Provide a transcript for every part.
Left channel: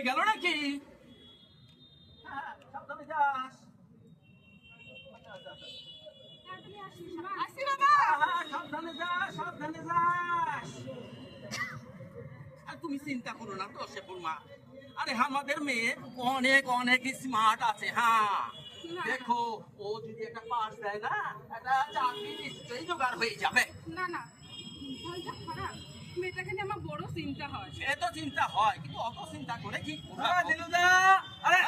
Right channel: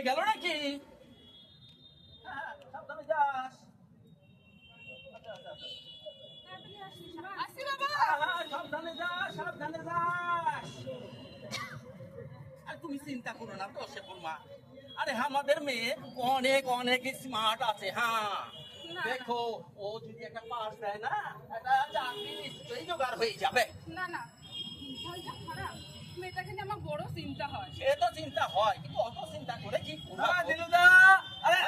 চলে গেল নাকি? আর তুমি চিন্তা করো না তো শেফুর আরে আমাদের মেয়ে অনেক অনেক স্মার্ট আছে হ্যাঁ। দেখো ও যদি একটা পাস দেয় না একটা চাকরি নিশ্চয়ই জোগাড় হয়ে যাবে। আমার বড় চিন্তা হয়। সে তো চিন্তা হয় কিন্তু অত চিন্তা করে কি হ্যাঁ, দিনুদা আরে!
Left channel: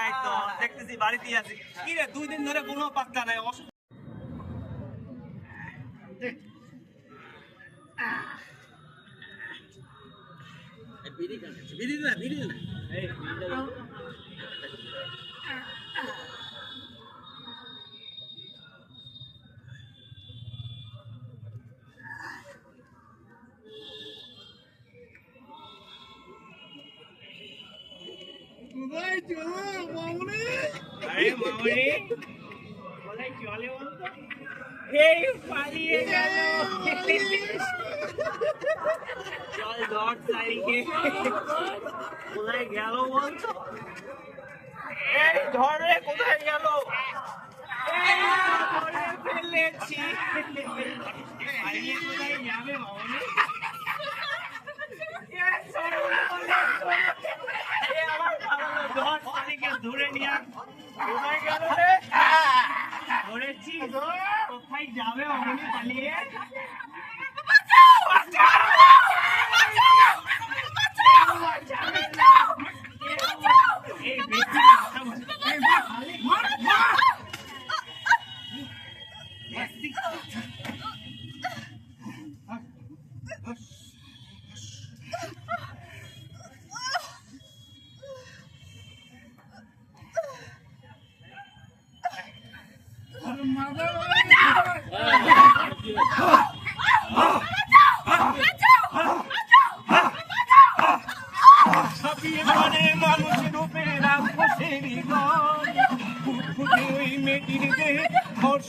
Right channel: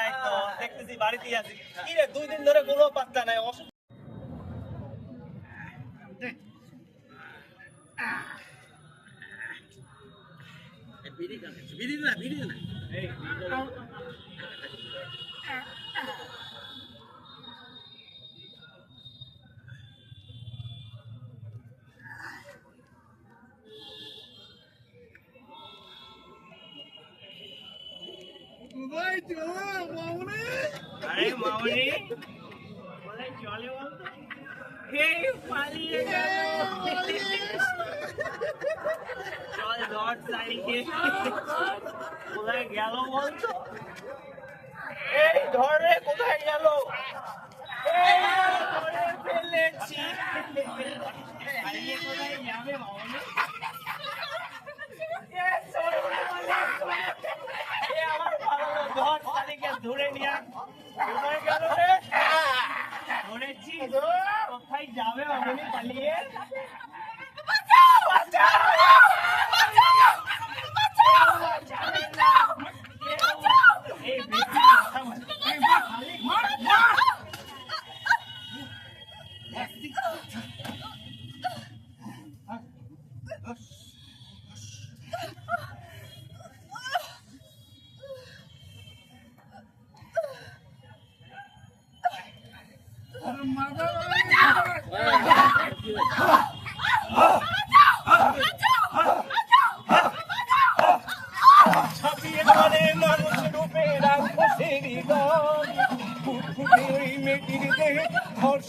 এই তো দেখতেছি বাড়িতেই আছি। কি রে দুই দিন ধরে কোনো পাত্তা নাই অসুখ বিড়ি না বিড়ি না। বিড়ি। আরে মামনি, বলে চলে ধর কোথায় গেল বলতো এই ধরে কোথায় গেল? ফেলেছি। কোথায় যাবে মামনি এই সরে বলে, এই আমার ভালো ধর পালিকে ধরে নিয়ে আয়। কোথায় গেল রে ধরেছি কোথায় যাবে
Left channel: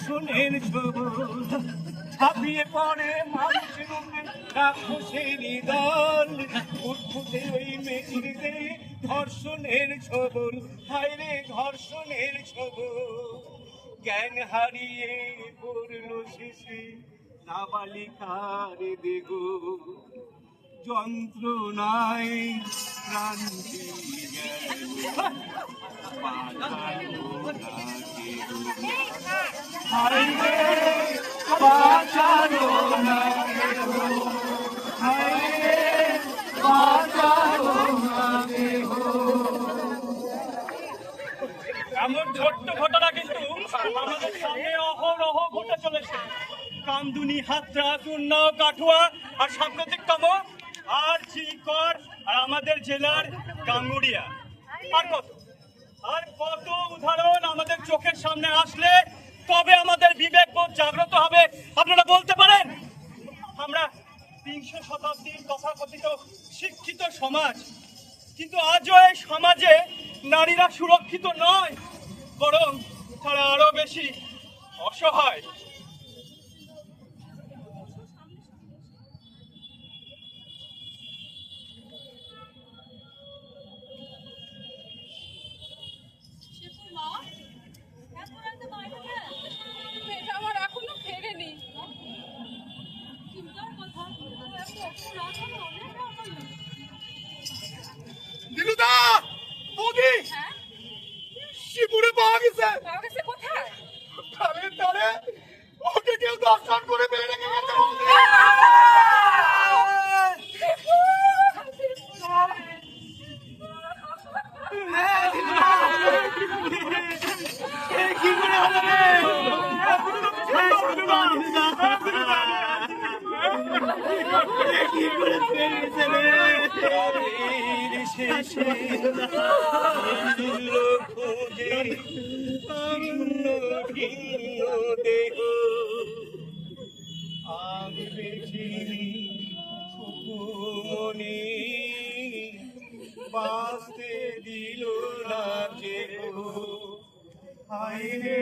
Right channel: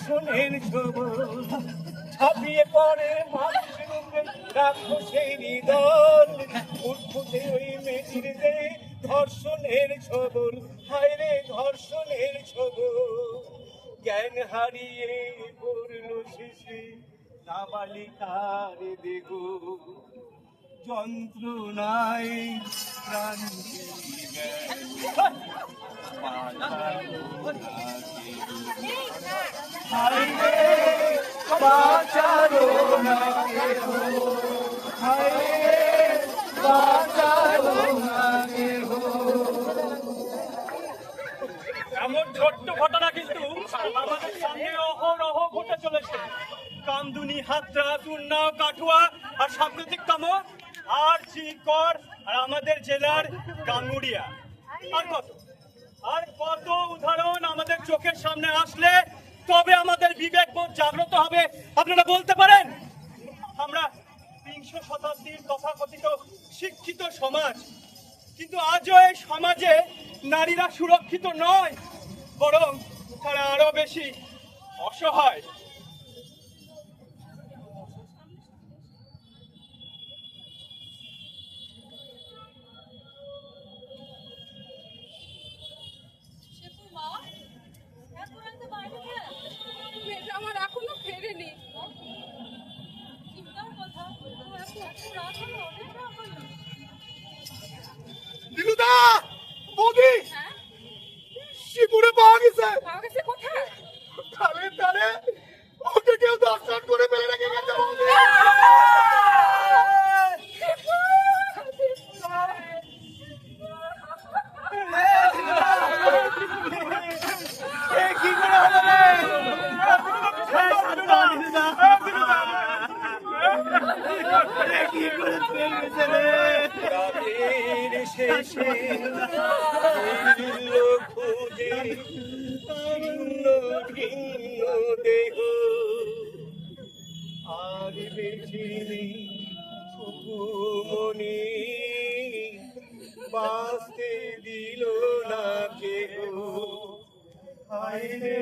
ছবল ছাপিয়ে পড়ে মানুষ রূপে রাক্ষসেরই দল ফুটফুটে ওই দেহে ধর্ষণের ছবল হায় রে ধর্ষণের ছবল জ্ঞান হারিয়ে পড়ল শিশি নাবালিকার দেগো যন্ত্রণায় ক্রান্তি বাঁচালো এমন ছোট্ট ঘটনা কিন্তু অহরহ ঘটে চলেছে। কামদুনি হাতরা উন্নাও কাঠুয়া আর সাংকেতিকতম আর চিকর আর আমাদের জেলার গাঙ্গুড়িয়া। আর কত? আর কত উদাহরণ আমাদের চোখের সামনে আসলে, তবে আমাদের বিবেক বোধ জাগ্রত হবে। আপনারা বলতে পারেন, আমরা বিংশ শতাব্দীর তথাকথিত শিক্ষিত সমাজ, কিন্তু আজও এই সমাজে নারীরা সুরক্ষিত নয়, বরং তারা আরও বেশি অসহায়। দিলুদা বৌদি শিবুরে পাওয়া গেছে। পাওয়া গেছে কোথায়? তাহলে তাহলে ওকে কেউ দর্শন করে ফেলে রেখে গেছে বৌদি কি করে হলো রে কি করে ফেলেছে রে শেষে খুঁজে ভিন্ন ভিন্ন দেহ আর বেশি সুকুমনি বাঁচতে দিল না যে আইরে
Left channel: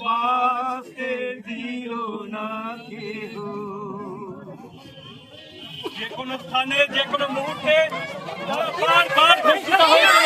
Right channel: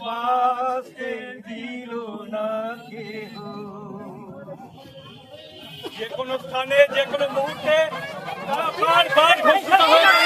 বাঁচতে যে কোনো স্থানে যে কোনো মুহূর্তে বারবার ঘোষণা হয়েছে